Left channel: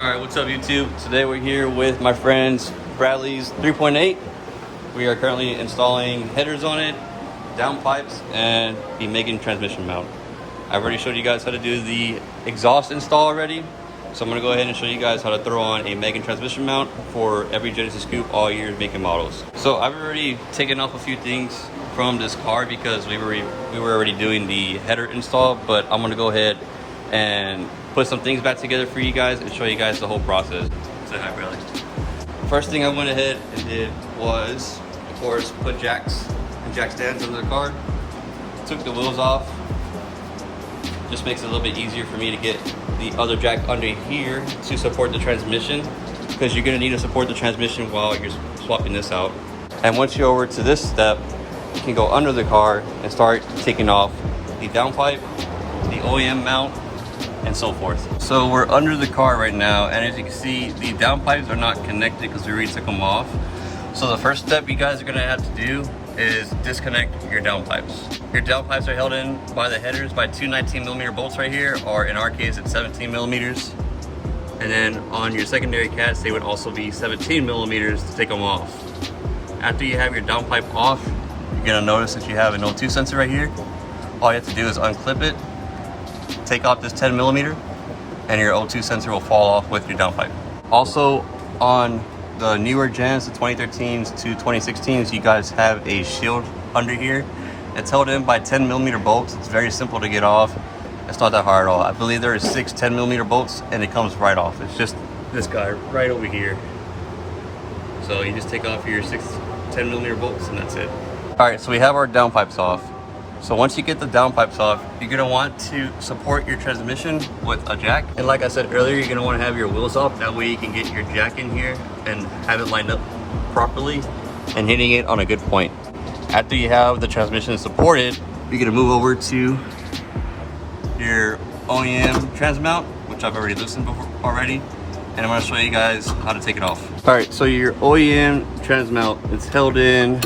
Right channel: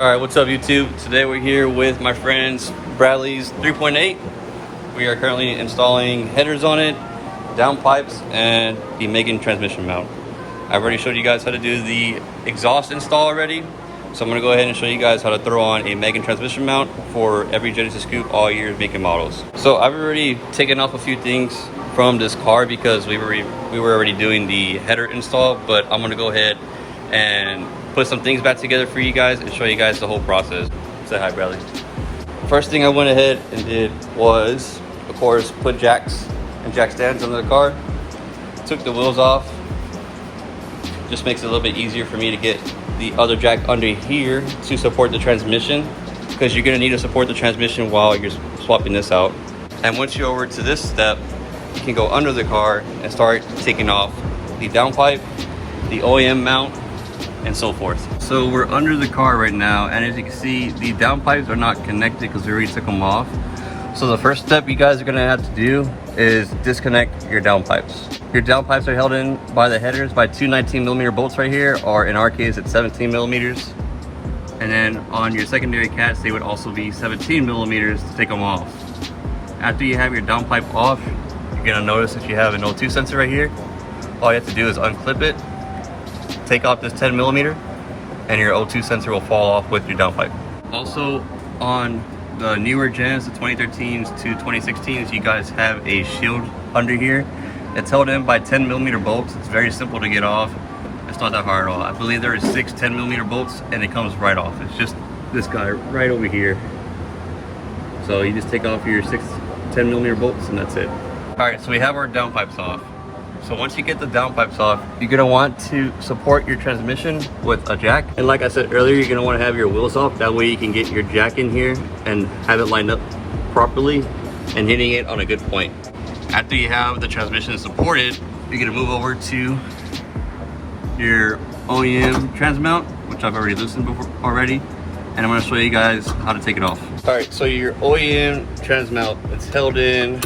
All right, what's up YouTube? Today we're here with my friends Bradley's 3.8. We are currently installing headers on it, downpipes, and the Megan transmission mount. I've already showed you guys how to do the exhaust install already. So I'm gonna go ahead and show you guys how to throw on a Megan transmission mount for every Genesis Coupe, all years, make and models. So I've already taken off a few things from this car because we were already doing the header install, but I'm gonna go ahead and put some things back together for you guys and show you guys the whole process. Say hi, Bradley. First thing I went ahead and did was, of course, put jacks and jack stands under the car. Took the wheels off. Just makes it a little bit easier for me to get the other jack under here to support the transmission, because you're gonna need to support the transmission while you're swapping this out. And once you're over to this step, you can go under the car and start taking off the downpipe, the Oem mount, and so forth. So we're under the car right now, and as you can see, the downpipes are not connected because we already took them off. So the first step you guys are gonna have to do is disconnect your downpipes. Your downpipes are held in by the headers by two 19mm bolts right here, or in our case it's 17mm. And then on your secondary cats, they would also be 17mm to take them off. After you have your downpipe off, you're gonna notice that you have an O2 sensor right here. All you have to do is unclip it, take off this 10mm, and your O2 sensor will fall off with your downpipe. Also, on the newer gens, the 2013s to 2016s, you guys have a shield under here. It's held in by 10mm bolts. It's very simple to get off. It's not that hard at all. I believe there are 6 10mm bolts and it comes right off. It's just this guy right over here. So you just take off your 6 10mm bolts and that's it. All right, so we have our downpipes off. So once you get the downpipes off, you're gonna want to support your transmission with a jack. And like I said earlier, you're gonna wanna have your wheels off. That way you can get your jack in here and have it lined up properly and hitting it on a good point. After you have the transmission supported, you're gonna move over to your Oem Transmount, which I've already loosened before already. And I'm gonna show you guys how to take it off. All right, so your Oem Transmount, it's held in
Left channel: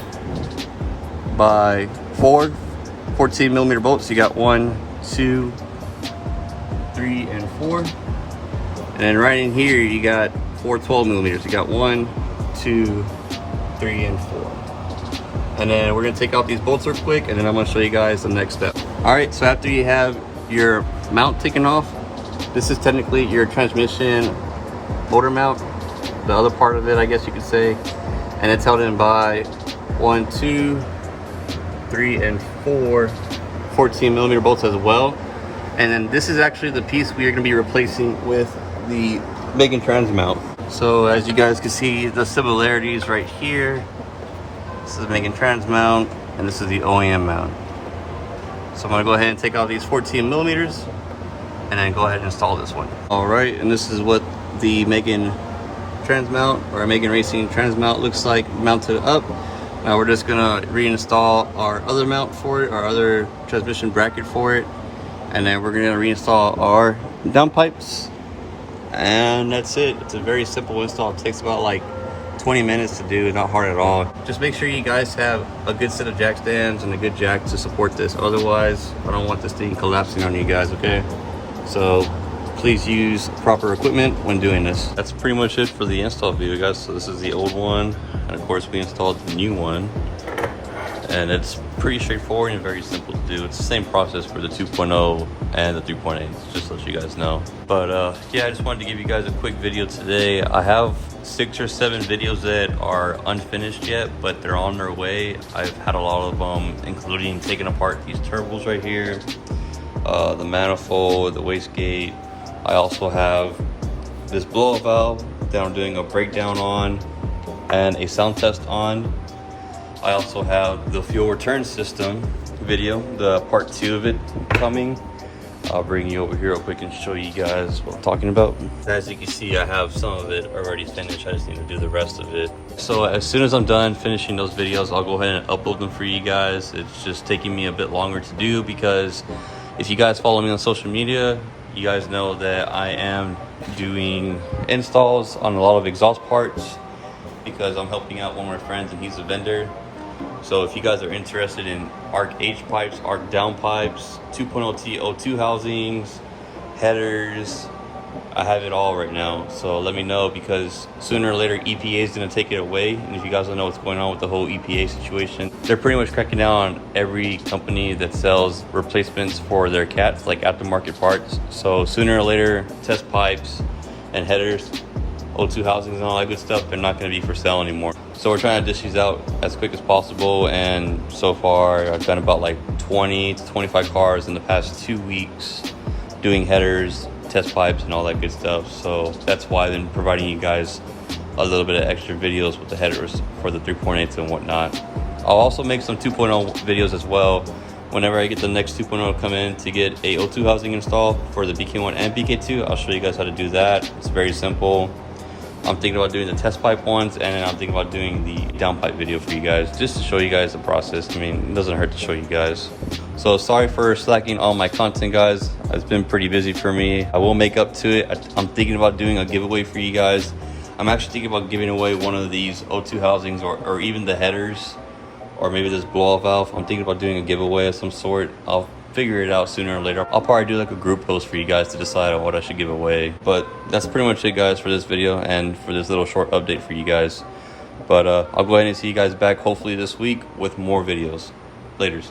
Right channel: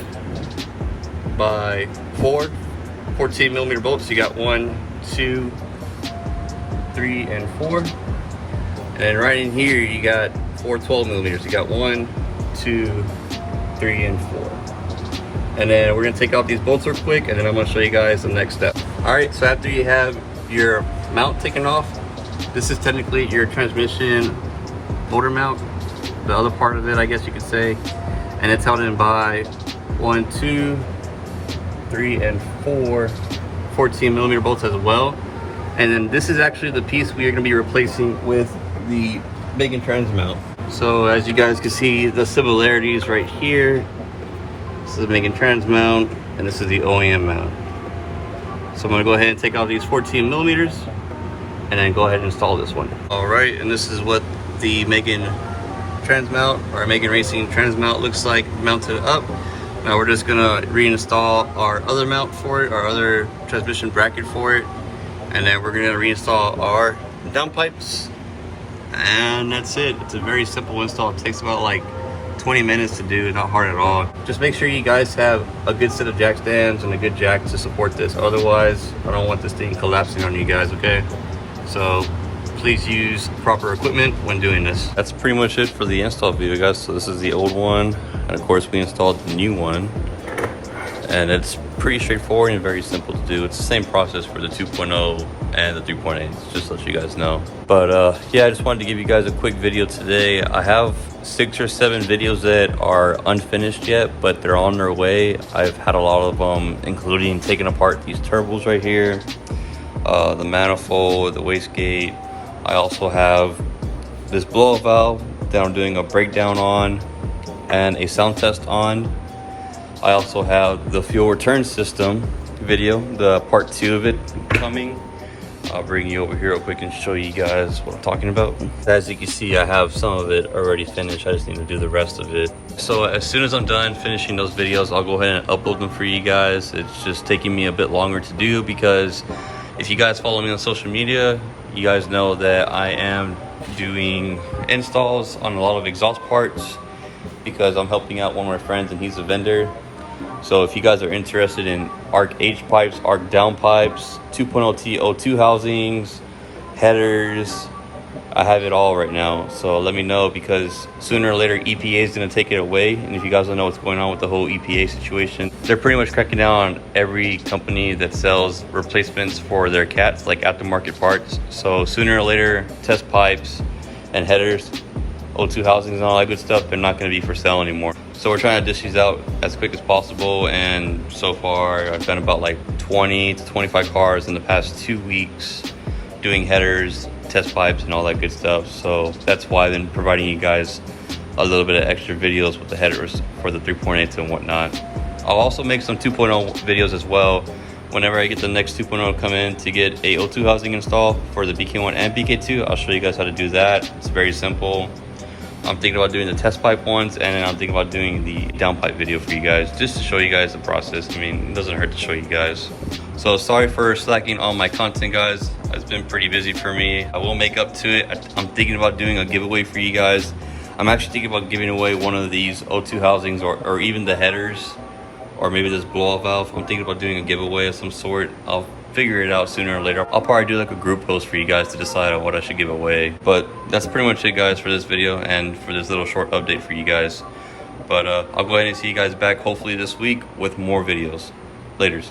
by 4 14mm bolts. You got 1, 2, 3, and 4. And right in here, you got 4 12mm. You got 1, 2, 3, and 4. And then we're gonna take out these bolts real quick, and then I'm gonna show you guys the next step. All right, so after you have your mount taken off, this is technically your transmission motor mount, the other part of it, I guess you could say. And it's held in by 1, 2, 3, and 4 14mm bolts as well. And then this is actually the piece we are going to be replacing with the Megan Transmount. So as you guys can see, the similarities right here. This is the Megan Transmount, and this is the Oem mount. So I'm going to go ahead and take out these 14mm and then go ahead and install this one. All right, and this is what the Megan Transmount, or Megan Racing Transmount, looks like mounted up. Now we're just gonna reinstall our other mount for it, our other transmission bracket for it, and then we're gonna reinstall our downpipes, and that's it. It's a very simple install. It takes about like 20 minutes to do, not hard at all. Just make sure you guys have a good set of jack stands and a good jack to support this. Otherwise, I don't want this thing collapsing on you guys, okay? So please use proper equipment when doing this. That's pretty much it for the install video, guys. So this is the old one, and of course we installed the new one, and it's pretty straightforward and very simple to do. It's the same process for the 2.0 and the 3.8, just so you guys know. But yeah, I just wanted to give you guys a quick video today. I have 6 or 7 videos that are unfinished yet, but they're on their way. I've had a lot of them, including taking apart these turbos right here, the manifold, the wastegate. I also have this blow-up valve that I'm doing a breakdown on and a sound test on. I also have the fuel return system video, the part 2 of it coming. I'll bring you over here real quick and show you guys what I'm talking about. As you can see, I have some of it already finished. I just need to do the rest of it. So as soon as I'm done finishing those videos, I'll go ahead and upload them for you guys. It's just taking me a bit longer to do because if you guys follow me on social media, you guys know that I am doing installs on a lot of exhaust parts because I'm helping out one of my friends and he's a vendor. So if you guys are interested in ARC H pipes, ARC downpipes, 2.0T O2 housings, headers, I have it all right now, so let me know, because sooner or later EPA is going to take it away. And if you guys don't know what's going on with the whole EPA situation, they're pretty much cracking down on every company that sells replacements for their cats, like aftermarket parts. So sooner or later, test pipes and headers, O2 housings and all that good stuff, they're not going to be for sale anymore. So we're trying to dish these out as quick as possible, and so far I've done about like 20 to 25 cars in the past 2 weeks doing headers, test pipes and all that good stuff. So that's why I've been providing you guys a little bit of extra videos with the headers for the 3.8s and whatnot. I'll also make some 2.0 videos as well whenever I get the next 2.0 come in to get a O2 housing installed for the BK1 and BK2. I'll show you guys how to do that. It's very simple. I'm thinking about doing the test pipe ones, and then I'm thinking about doing the downpipe video for you guys, just to show you guys the process. I mean, it doesn't hurt to show you guys. So sorry for slacking on my content, guys. It's been pretty busy for me. I will make up to it. I'm thinking about doing a giveaway for you guys. I'm actually thinking about giving away one of these O2 housings, or even the headers, or maybe this blow-off valve. I'm thinking about doing a giveaway of some sort. I'll figure it out sooner or later. I'll probably do like a group post for you guys to decide on what I should give away. But that's pretty much it, guys, for this video and for this little short update for you guys. But I'll go ahead and see you guys back hopefully this week with more videos. Laters.